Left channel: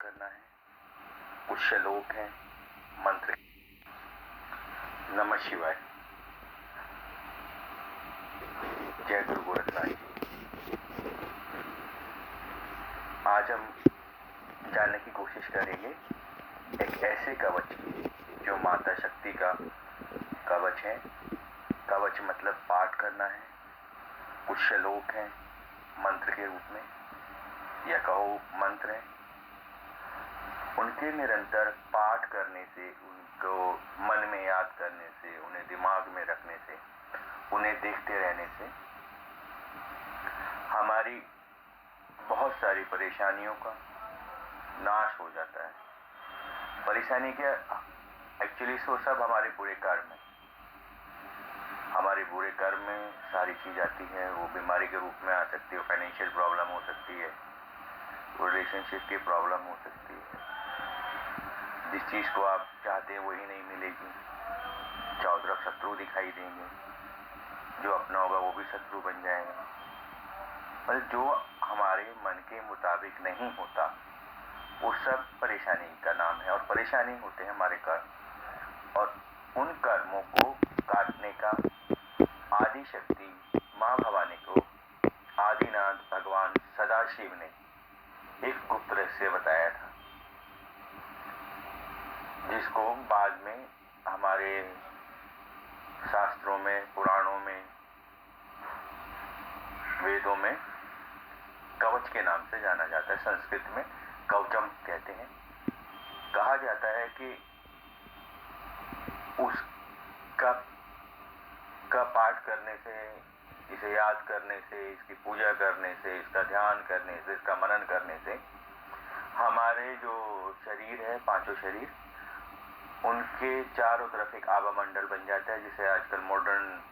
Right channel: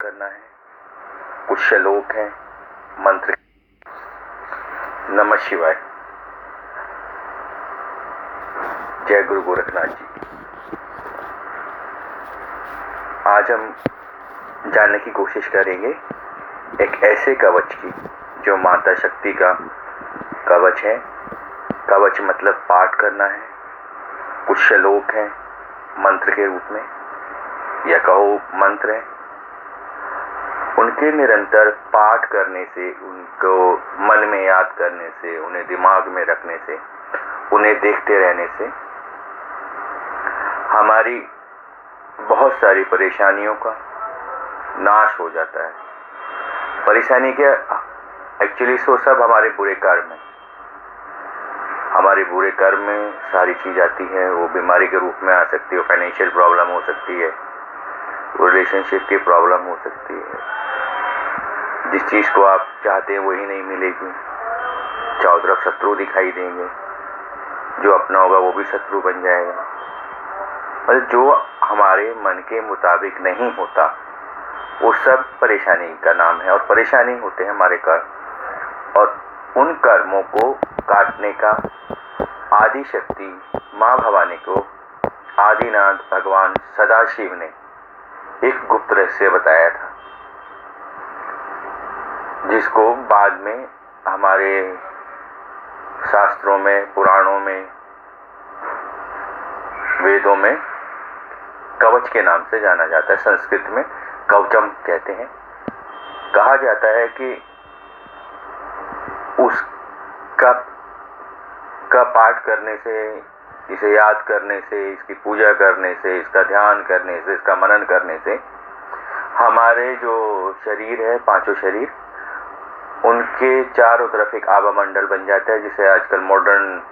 करना है। कुछ श्लोक हैं मंत्र। नमः शिवाय। जय गुरु गोरखनाथ जी। आज हम जानने की कोशिश करेंगे एक ऐसे कवच की जो माता शक्ति का कवच है। कवच मतलब पाठ करना है। कुछ श्लोक हैं मंत्र के रूप में, या कहो मंत्र है। उनके निरंतर पाठ करने से, उनको मन में याद करने से, उन्हें दिमाग में रखने से, उन्हें देखते रहने से हमारी बहुत सारी परेशानियों का नाश हो जाता है। परेशानी क्या, एक्चुअली वो सब हमारे बुरे कर्म है। हमारे बुरे कर्म में सारी चीज आती है। वो बीमारी के रूप में आ सकती है, फाइनेंशियल प्रॉब्लम हो सकती है, रिलेशनशिप की प्रॉब्लम हो सकती है। जिस चीज को आप चाहते हैं वही नहीं मिलेगी। चारों तरफ शत्रु दिखाई देंगे। जो अपना होगा वो भी शत्रु बन जाएगा। और जो हमारे मन के मुताबिक नहीं होता वो सब परेशानी का नाम है। और परेशानी होते हैं हमारे कर्म, और उन कर्मों को काटने का आदि शक्ति माँ भवानी को आदिनाथ भगवान सदाशिव ने एक गुप्त रहस्य बताया था, जिसको बाद में हमारे शास्त्रों में, पुराणों में, वेदों में कवच के नाम से जाना जाता है। संस्कृत में कवचम कहते हैं। कहा जाता है कि उसका पाठ करने से, इसे याद करने से, इसकी पूजा करने से, इसका ध्यान करने से, इसका मनन करने से हमारे जो शरीर है, पांचों शरीर, उनके चारों तरफ एक आभा मंडल बन जाता है, जिसे आजकल मॉडर्न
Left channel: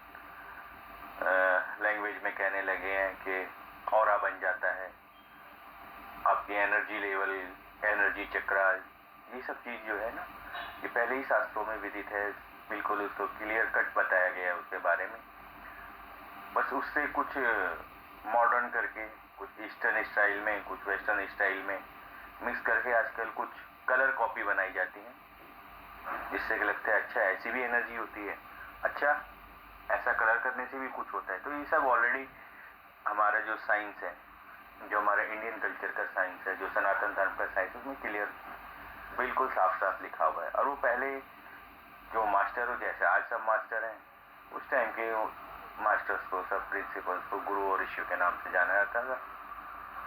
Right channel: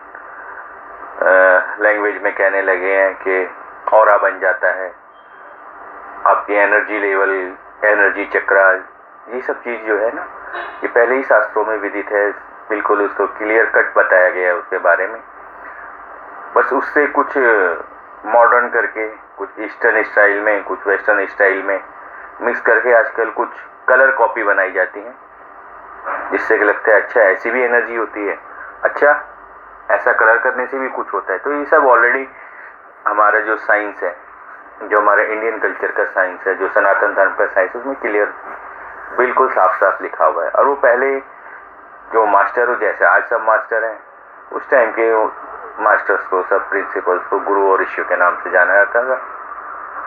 लैंग्वेज में कहने लगे हैं कि ऑरा बन जाता है। आपकी एनर्जी लेवल, एनर्जी चक्रा, ये सब चीज जो है ना, ये पहले ही शास्त्रों में विदित है। बिल्कुल उसको क्लियर कट बताया गया है उसके बारे में। बस उससे कुछ मॉडर्न करके, कुछ ईस्टर्न स्टाइल में, कुछ वेस्टर्न स्टाइल में मिक्स करके आजकल कुछ कलर कॉपी बनाई जाती है, जिससे कि लगता है अच्छा ऐसी भी एनर्जी होती है, अच्छा ऐसा कलर करने से भी कुछ होता है। तो ये सब ऑलरेडी हमारा जो साइंस है, जो हमारे इंडियन कल्चर का साइंस है, जो सनातन धर्म का साइंस है, उसमें क्लियर बिल्कुल साफ साफ लिखा हुआ है। और वो पहले जो मास्टर हो, जैसे आज सब मास्टर हैं, उस टाइम के मास्टर्स को, सब प्रिंसिपल्स को गुरु और ऋषियों के नाम से जाना जाता था,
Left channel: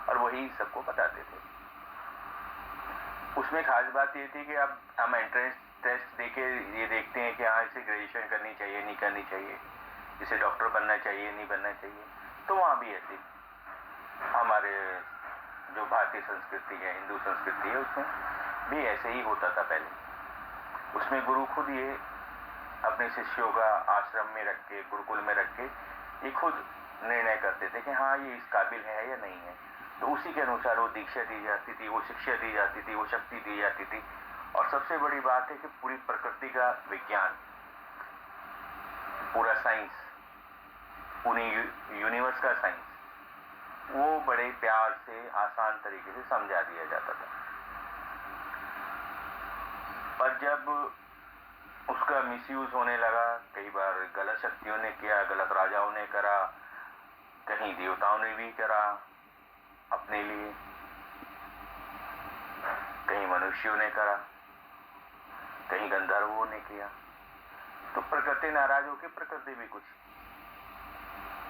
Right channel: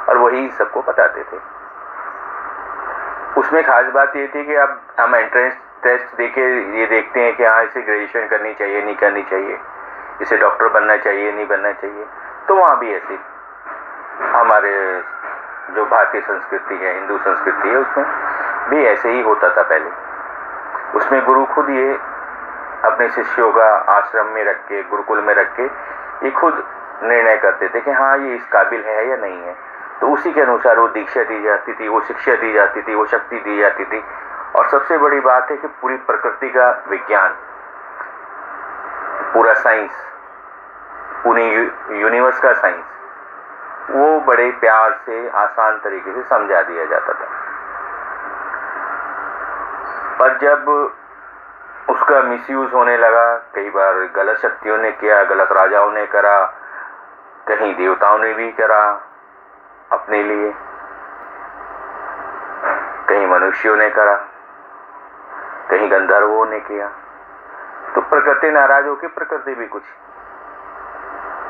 और वही सबको बताते थे। उसमें खास बात ये थी कि अब हम एंट्रेंस टेस्ट देके ये देखते हैं कि हाँ इसे ग्रेजुएशन करनी चाहिए, नहीं करनी चाहिए, इसे डॉक्टर बनना चाहिए, नहीं बनना चाहिए। तो वहाँ भी ऐसे हमारे जो भारतीय संस्कृति है, हिंदू संस्कृति है, उसमें भी ऐसे ही होता था पहले। उसमें गुरु खुद ये अपने शिष्यों का आश्रम में रख के, गुरुकुल में रख के, ये खुद निर्णय करते थे कि हाँ ये इस काबिल है या नहीं है। तो उसी के अनुसार वो दीक्षा दी जाती थी, वो शिक्षा दी जाती थी, वो शक्ति दी जाती थी। और सबसे बड़ी बात है कि पूरी प्रकृति का विज्ञान, पूरा साइंस, पूरी यूनिवर्स का साइंस, वो बड़े प्यार से, आसान तरीके से समझा दिया जाता था। पर जब उसका मिसयूज होने लगा, कई बार गलत शक्तियों ने किया, गलत राजाओं ने करा, कहीं देवताओं ने भी करा अपने लिए, कहीं मनुष्यों ने करा, कहीं गंधर्वों ने किया। तो प्रकृति नाराज होकर प्रकृति भी कुछ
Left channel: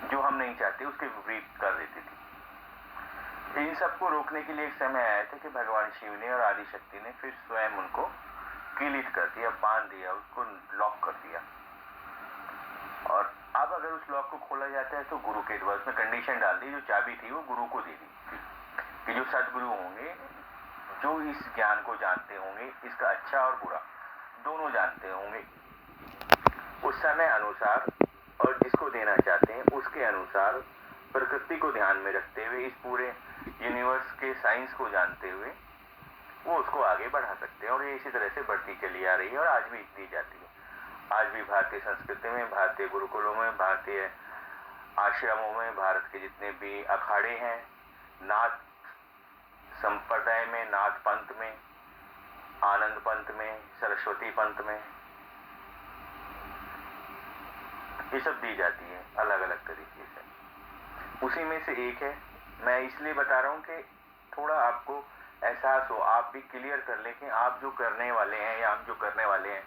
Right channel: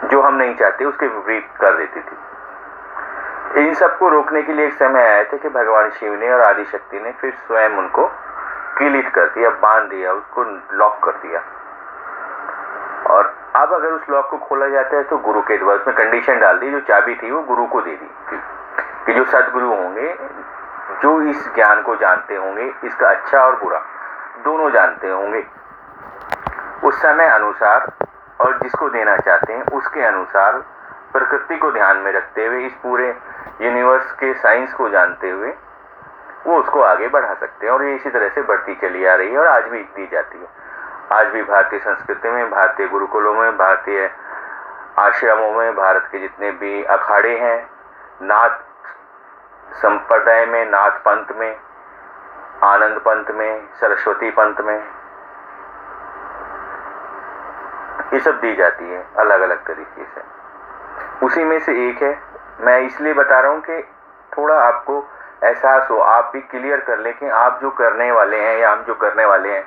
जो हम नहीं चाहते उसके विपरीत कर देती थी। इन सबको रोकने के लिए एक समय आया था कि भगवान शिव ने और आदि शक्ति ने फिर स्वयं उनको किलित कर दिया, बांध दिया, उसको लॉक कर दिया। और अब अगर उस लॉक को खोला जाता है तो गुरु के द्वारा उसमें कंडीशन डाल दी, जो चाबी थी वो गुरु को दे दी कि जो सदगुरु होंगे, जो इस ज्ञान को जानते होंगे, इसका अच्छा और बुरा दोनों जानते होंगे, उस समय अनुसार और जिसको देना चाहते हैं उसके अनुसार, प्रकृति को ध्यान में रखते हुए, इस पूरे यूनिवर्स के साइंस को जानते हुए वो उसको आगे बढ़ा सकते हैं। और ये इसी तरह से बढ़ती चली आ रही है और आज भी दी जाती है। आज भी भारतीय संस्कृति में, भारतीय गुरुकुलों में, भारतीय आश्रमों में, भारत के जितने भी अखाड़े हैं, नाथ संप्रदाय में, नाथ पंथ में, आनंद पंथ में, सरस्वती पंथ में, ये सब दी जाती है अलग अलग तरीके से। उसी में से एक है। मैं इसलिए बता रहा हूँ कि थोड़ा आपको एहसास हो, आप भी क्लियर कर लें कि आप जो करने वाले हैं या हम जो करने वाले हैं,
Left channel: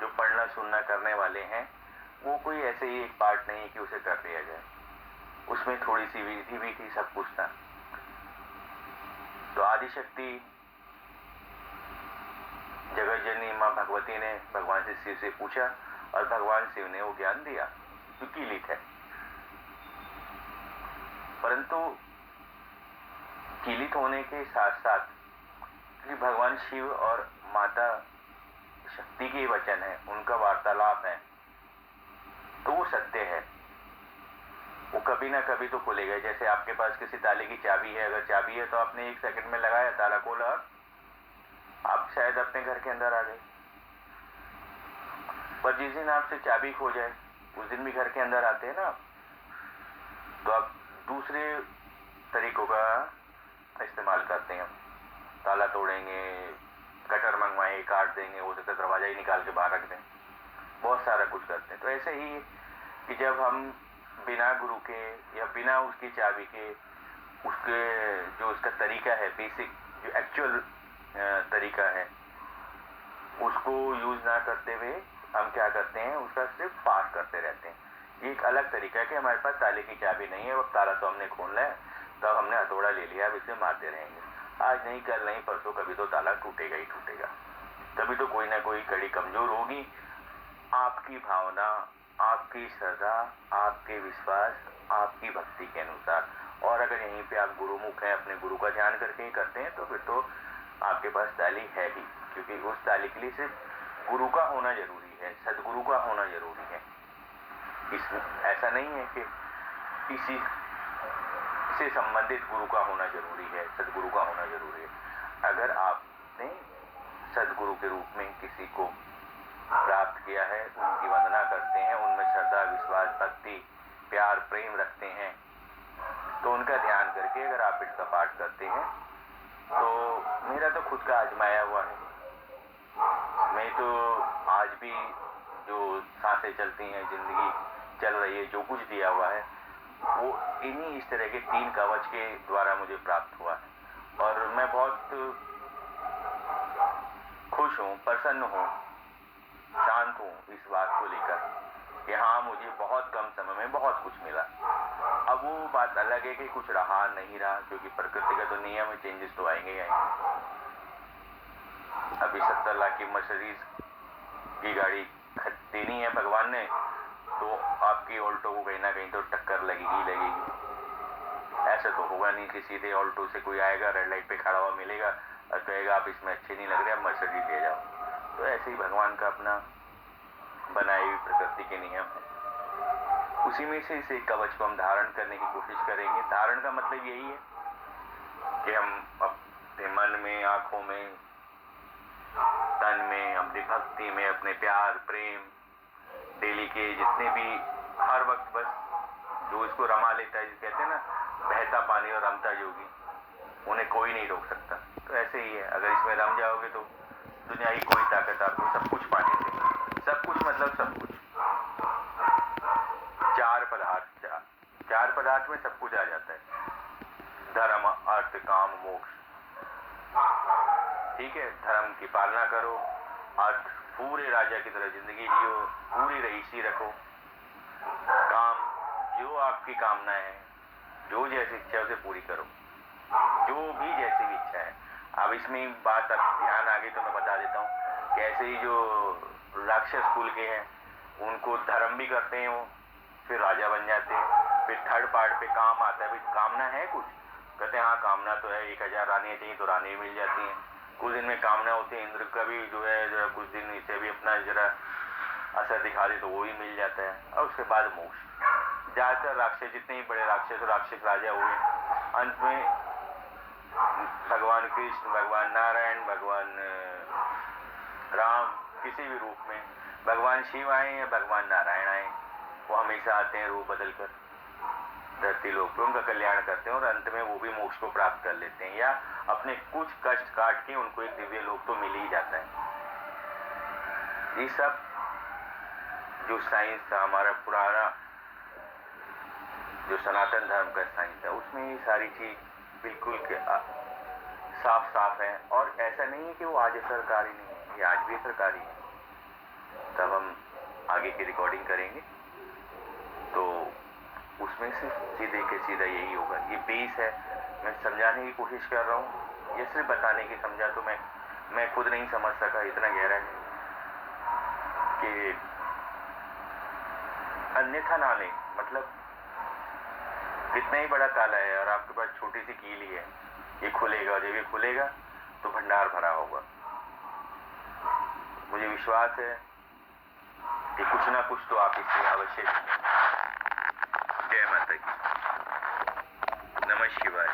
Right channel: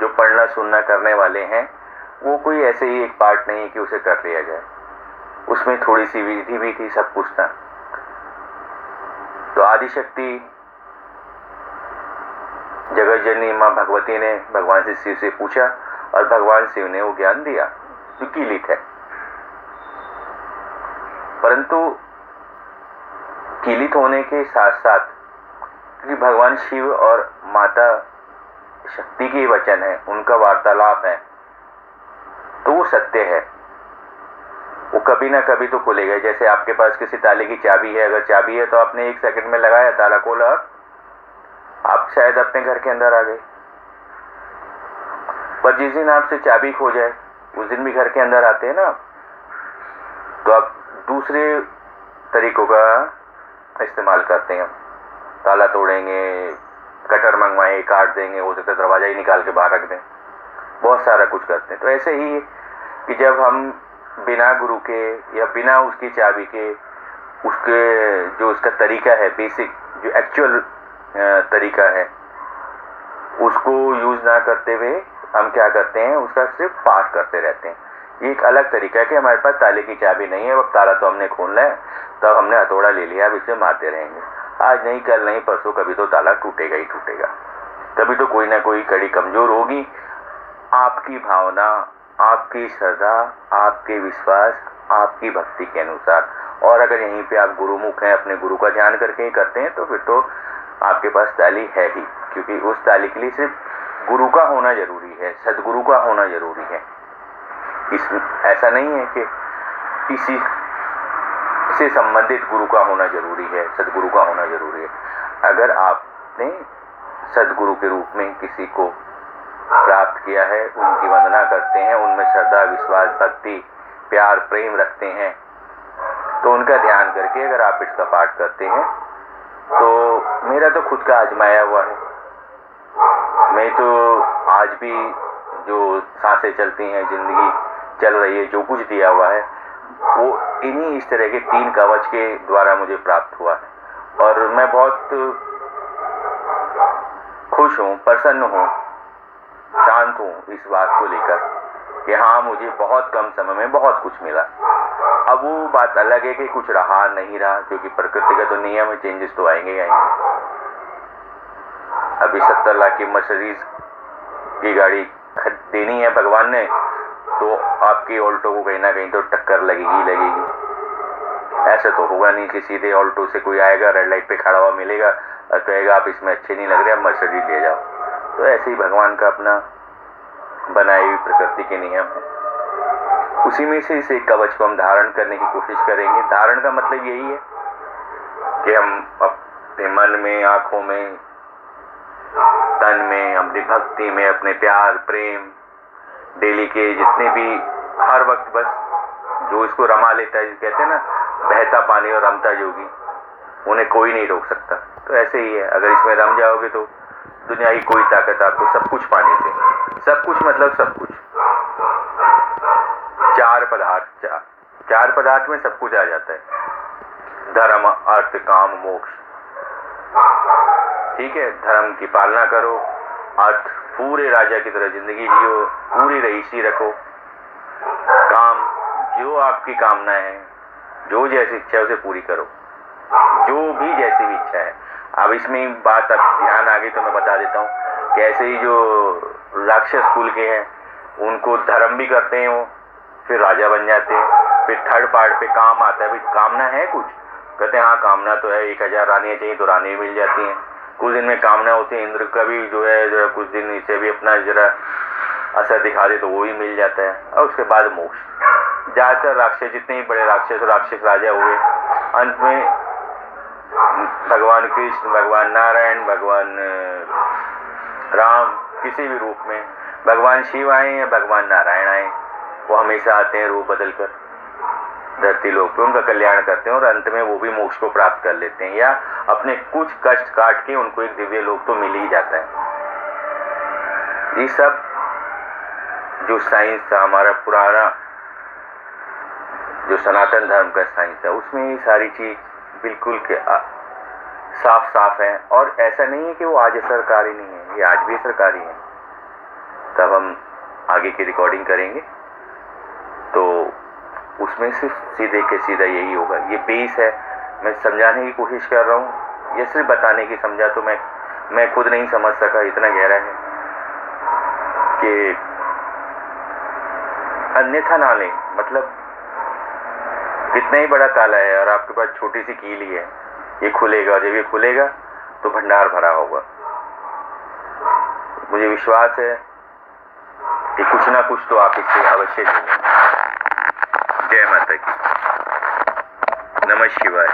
जो पढ़ना सुनना करने वाले हैं, वो कोई ऐसे ही एक पार्ट नहीं कि उसे कर लिया जाए। उसमें थोड़ी सी विधि भी थी, सब कुछ था। तो आदिशक्ति जगत जननी माँ भगवती ने भगवान से शिव से पूछा और भगवान शिव ने वो ज्ञान दिया जो कीलित है। परंतु कीलित होने के साथ साथ, क्योंकि भगवान शिव और माता शक्ति के वचन है, उनका वार्तालाप है, तो वो सत्य है, वो कभी ना कभी तो खुलेगा। जैसे आपके पास किसी ताले की चाबी है, अगर चाबी है तो आपने 1 सेकंड में लगाया, ताला खोला, आप शायद अपने घर के अंदर आ गए। पर जिस दिन आपसे चाबी खो जाए, उस दिन भी घर के अंदर आते हैं ना, तो आप दूसरे तरीकों का इस्तेमाल करते हैं। ताला तोड़ेंगे, कटर मंगवाएंगे, काट देंगे, हो सकता है दरवाजा ही निकाल के बाहर रख दें, बहुत सारा कुछ करते हैं। तो ऐसे ही कि जब हम बिना गुरु के या बिना उसकी चाबी के, उसके जो उसका तरीका है, बेसिक जो एक्चुअल तरीका है, उसको यूज ना करते हुए हम क्या करते हैं, उसका सिर्फ पाठ करते रहते हैं। ये एक अलग तरीका है कि हमारे पास ताले की चाबी नहीं है, अब ताला तो हमने खोलना है, तब हमने हथौड़ा ले लिया, अब इसे मारते रहेंगे। आज नहीं, कल नहीं, परसों कभी तो ताला टूटेगा ही टूटेगा। कभी तो कोई ना कोई कड़ी कमजोर होगी। आपकी भावना, आपकी श्रद्धा, आपके विश्वास, आपकी भक्ति के अनुसार। और अगर यहीं पे आप गुरुमुख हैं, अपने गुरु का ध्यान करके ही करते हैं, तो फिर तो आपके पास ताली है ही, क्योंकि उस ताली के लिए सिर्फ गुरु का होना जरूरी है, सदगुरु का होना जरूरी है। ऐसा नहीं है कि किसी से संबंधित गुरु का होना जरूरी है, सदगुरु का होना जरूरी है। अगर आपने सदगुरु के रूप में किसी को प्राप्त किया है, उनकी वंदना करते हैं, उनमें श्रद्धा, विश्वास, भक्ति, प्यार, प्रेम रखते हैं, तो उनका ध्यान करके अगर आप इसका पाठ करते हैं, तो मेरा तो खुद का आजमाया हुआ है। मैं तो आज भी जो सांसें चलती हैं, जिंदगी चल रही है, जो कुछ दिया हुआ है, वो इन्हीं इस तरह के 3 कवच के द्वारा मुझे प्राप्त हुआ है। और मैं बहुत खुश हूँ, प्रसन्न हूँ, शांत हूँ इस बात को लेकर कि हाँ, मुझे बहुत कम समय में बहुत कुछ मिला। अब वो बात अलग है कि कुछ रहा नहीं रहा, क्योंकि प्रकृति का तो नियम है, चेंजेस तो आएंगे ही आएंगे। अभी 70 लाख की मर्सिडीज की गाड़ी देनी है भगवान ने, तो आपकी ऑल्टो को कहीं ना कहीं तो टक्कर लगेगी। ऐसा तो होगा नहीं कि सीधे ऑल्टो से कोई आएगा, रेड लाइट पे खड़ा हुआ मिलेगा और कहेगा आप इसमें अच्छे नहीं लग रहे, आप मर्सिडीज ले जाओ। तो ऐसे ही भगवान का अपना बनाई हुई प्रकृति के नियम है। उसी में से इस एक कवच को हम धारण करने की कोशिश करेंगे। धारण का मतलब यही है कि हम अपने मन में, आंखों में, तन में, अपनी भक्ति में, अपने प्यार, प्रेम, डेली के जितने भी, हर वक्त बस जो इसको रमा लेता है, कहते हैं ना, बहता पानी और रमता जोगी, उन्हें कोई नहीं रोक सकता। तो ऐसे ही है, अगर इसमें रम जाओगे तो दुनिया की कोई ताकत आपको सब कुछ पाने से, सब कुछ मतलब सब कुछ, 4 पदार्थ में सब कुछ आ जाता है, धर्म, अर्थ, काम, मोक्ष। ठीक है, धर्म की पालना करो, अर्थ पूरे राजा की तरह जिंदगी जियो, पूरी रईसी रखो, काम जो आपकी कामना है, जो जैसी इच्छा है उसे पूरी करो, जो भी जैसी भी इच्छा है। अब इसमें बात अब ध्यान आ गई तो मैं बता देता हूँ कि ऐसे ही जो राक्षस कुल के हैं, उनको धर्म भी करते हैं, वो फिर राजा बन जाते हैं। फिर थर्ड पार्ट पे काम आता है, भाई कामना है कुछ, कहते हैं हाँ कामना तो है, 1000 रानियां चाहिए तो रानी मिल जाती हैं। कुछ दिन में कामना होती है, इंद्र का भी जो है जरा कुछ दिन इसे भी अपना जरा असर दिखा दे तो वो भी मिल जाता है। और उसके बाद मोक्ष। ज्यादातर राक्षस, जितने ही बड़े राक्षस राजा हुए, अंत में भगवान कृष्ण, भगवान नारायण, भगवान राम, किसी भी रूप में, भगवान शिव आए या भगवान नारायण आए, वो हमेशा आते हैं रूप बदल कर। धरती लोक पे उनका कल्याण करते हैं और अंत में वो भी मोक्ष को प्राप्त कर लेते हैं, या अपने कुछ कष्ट काट के उनको एक दिव्य लोक तो मिल ही जाता है। ये सब जो साइंस था, हमारा पुराना जो सनातन धर्म का साइंस है, उसमें ये सारी चीज बिल्कुल के साफ साफ है। और ऐसा नहीं है कि वो आज सरकारी नहीं है, ये आज भी सरकारी है। तब हम आगे की रिकॉर्डिंग करेंगे तो उसमें सिर्फ सीधे के सीधा यही होगा। ये बेस है, मैं समझाने की कोशिश कर रहा हूँ, ये सिर्फ बताने की। समझा तो मैं खुद नहीं समझ सका, इतना गहरा है कि अन्यथा ना लें। मतलब कितना ही बड़ा ताला है और आपके पास छोटी सी कील ही है, ये खुलेगा, और जब ये खुलेगा तो भंडार भरा होगा। मुझे विश्वास है कि कुछ ना कुछ तो आप इससे अवश्य लेंगे। जय माता की। नमः शिवाय।